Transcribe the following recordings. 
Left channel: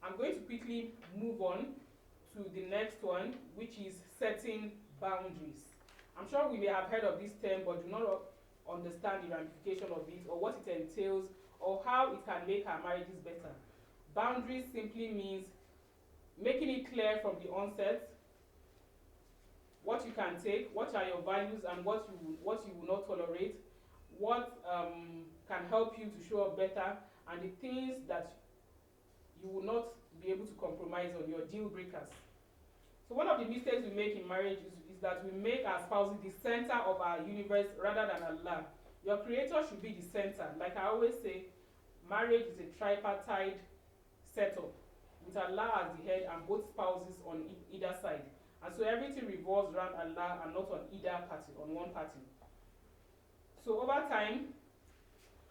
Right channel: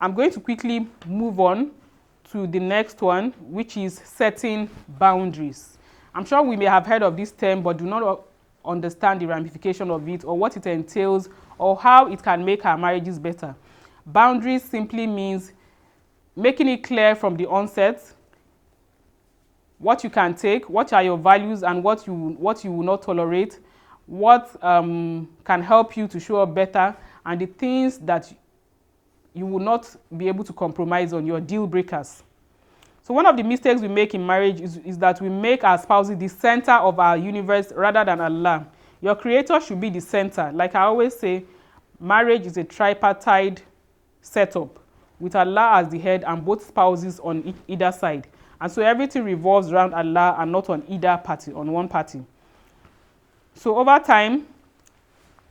I'm going to quickly move on to the next one, which is setting boundaries. I'm sure we may have heard of this term, but do not understand the ramification of it or what it entails or how it can make our marriages better. Boundaries simply means making it clear from the onset what you can take, what are your values, and what you will not tolerate, what can help you to show up better, and the things that you will not be able to compromise on, your deal breakers. So one of the mistakes we make in marriage is that we make our spouses the center of our universe rather than Allah. Your creator should be the center. Like I always say, marriage is a tripartite setup with Allah as the head and both spouses on either side. And so everything revolves around Allah and not on either party, on one party. So over time,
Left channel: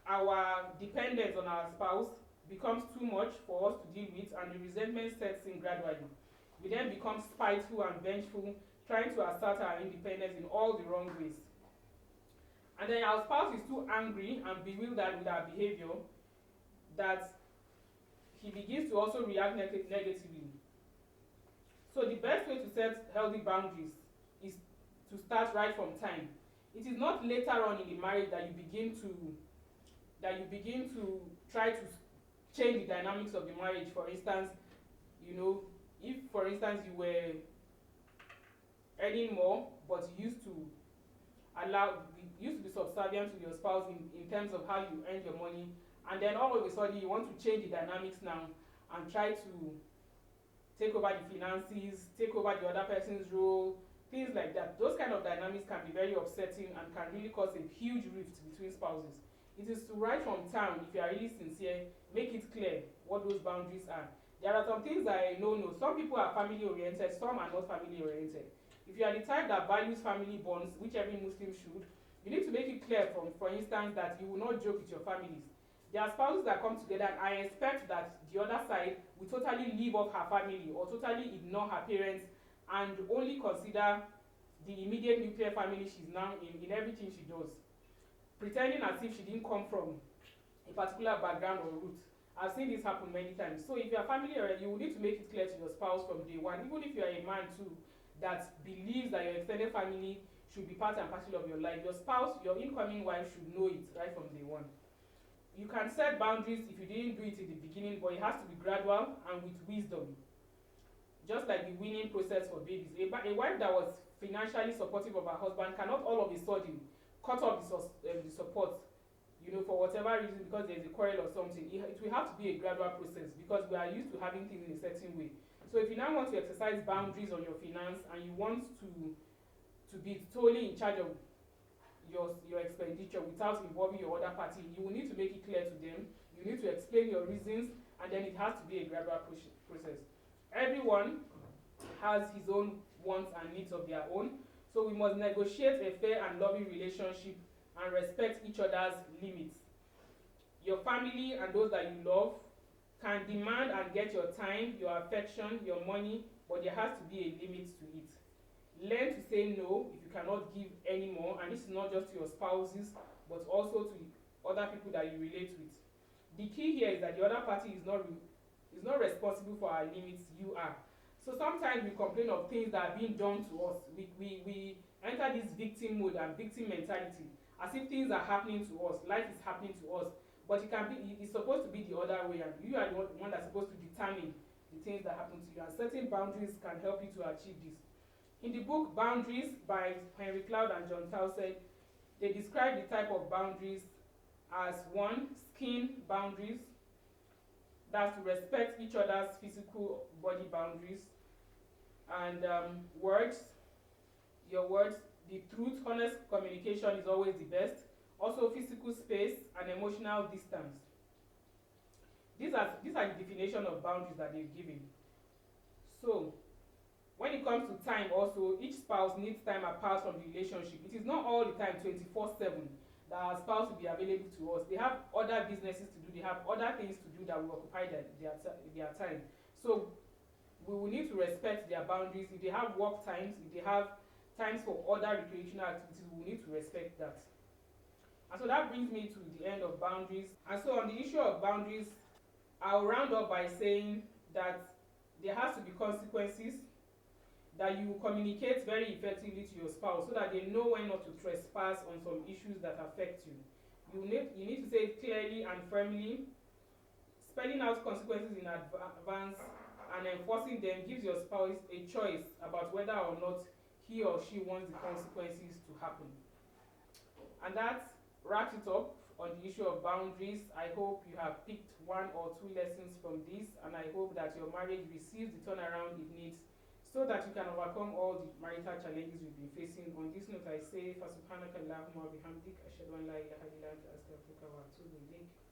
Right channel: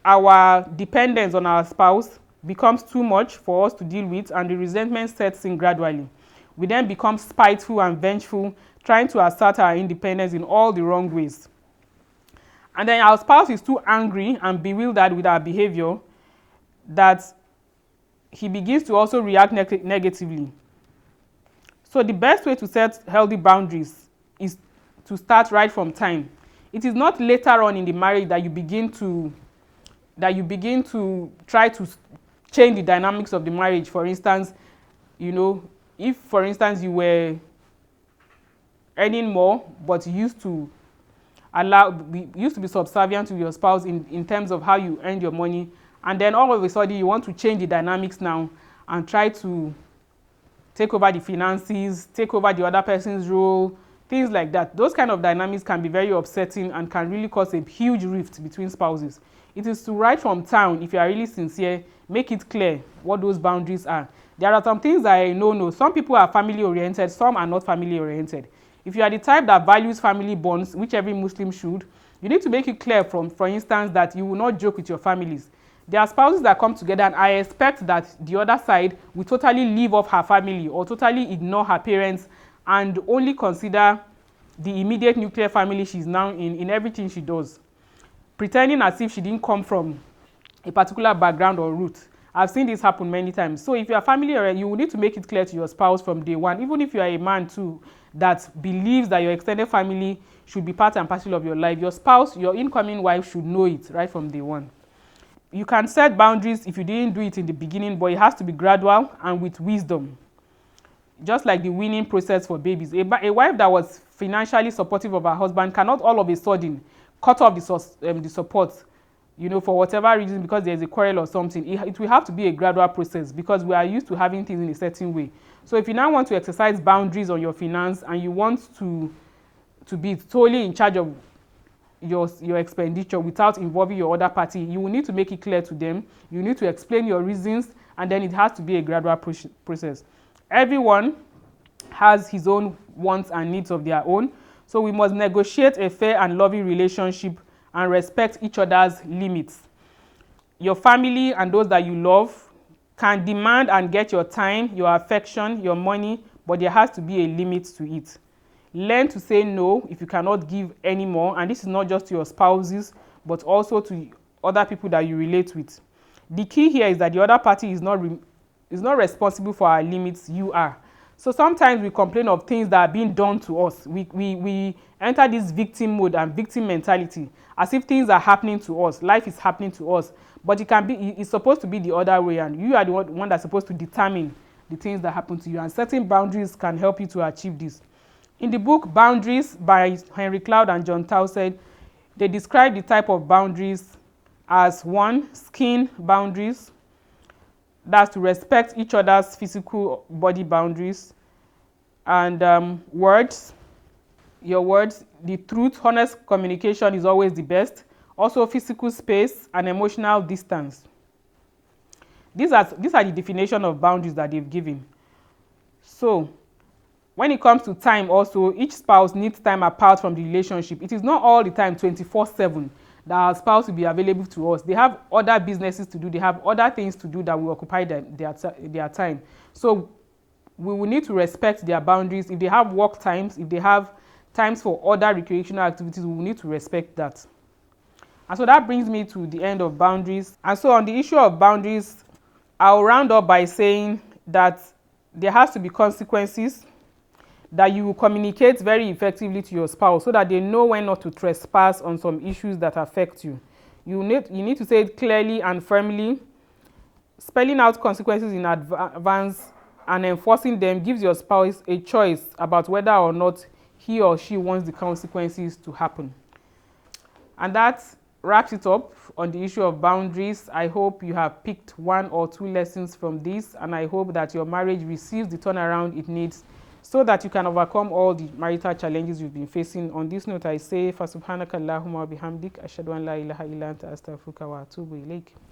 our dependence on our spouse becomes too much for us to deal with, and the resentment sets in gradually. We then become spiteful and vengeful, trying to assert our independence in all the wrong ways. And then our spouse is too angry and bewildered with our behavior that he begins to also react negatively. So the best way to set healthy boundaries is to start right from time. It is not later on in the marriage that you begin to try to change the dynamics of the marriage. For instance, if for instance you were earning more but you used to be subservient to your spouse in terms of how you earned your money, and then all of a sudden you want to change the dynamics now and try to take over the finances, take over the other person's role, things like that. Those kind of dynamics can be very upsetting and can really cause a huge rift between spouses. It is to right from town, if you are really sincere, make it clear what those boundaries are. There are some things that I know. Some people are family oriented, some are not family oriented. If you are the type that values family bonds, which every Muslim should, you need to make it clear for instance, that you will not joke with your families. There are spouses that come together and I expect that the other side will totally leave off her family or totally ignore her parents and only consider the immediate nuclear family she's now in everything she does, pretending as if she didn't come from a particular background or root. I've seen this happen many times. So if you are family oriented, you will need to make it clear to your spouse from day one, even if you are a man too that believes that your extended family should be part and parcel of your life. Your spouse, your incoming wife should know it right from day one. You can set boundaries if you didn't do it in the beginning, but it has to be gradual and with wisdom. Just like the weaning process for babies. A wife that was financially supportive of her husband cannot all of a sudden cut off the support, for whatever reason, because there's a quarrel or something. It will have to be a gradual process because we are used to having things in a certain way. So if you now want to exercise boundaries on your finance and you want to be totally in charge of your expenditure without involving your other party, you will need to make it clear to them. You need to explain your reasons, and then it has to be a gradual process. Everyone has his own wants and needs of their own, so we must negotiate a fair and loving relationship and respect each other's limits. Your family and those that you love can demand and get your time, your affection, your money, but there has to be a limit to it. Learn to say no if you cannot give any more, and this is not just to your spouses, but also to other people that you relate with. The key here is that the other party is not responsible for our limits, you are. So sometimes we complain of things that are being done to us. We enter this victim mode and victim mentality as if things are happening to us, life is happening to us, but it's supposed to be the other way, and you are the one that's supposed to determine the things that happen to you, and setting boundaries can help you to achieve this. In the book Boundaries by Henry Cloud and John Towsend, they describe the type of boundaries as 1, skin boundaries. That's to respect each other's physical body boundaries. And words, your words, the truth, honest communication is always the best. Also physical space and emotional distance. These are the definition of boundaries that they've given. So when it comes to time also, each spouse needs time apart from the relationship. It is not all the time 24/7 that our spouse will be available to us. They have other businesses to do. They have other things to do that will occupy their time. So we will need to respect their boundaries. If they have work times, if they have times for other recreational activities, we will need to respect that. And so that brings me to the end of boundaries. And so on the issue of boundaries, I'll round up by saying that there has to be consequences, that you will communicate very effectively to your spouse so that they know when not to trespass on some issues that affect you. You need to say it clearly and firmly. Spelling out consequences in advance and enforcing them gives your spouse a choice about whether or not he or she wants the consequences to happen. And that wraps it up on the issue of boundaries. I hope you have picked 1 or 2 lessons from this, and I hope that your marriage receives the turnaround it needs so that you can overcome all the marital challenges you've been facing. On this note, I say, فَسُبْحَانَكَ اللَّهُمَّ وَبِحَمْدِكَ أَشْهَدُ أَنْ لَا إِلَهَ إِلَّا أَنْتَ أَسْتَغْفِرُكَ وَأَتُوبُ إِلَيْكَ.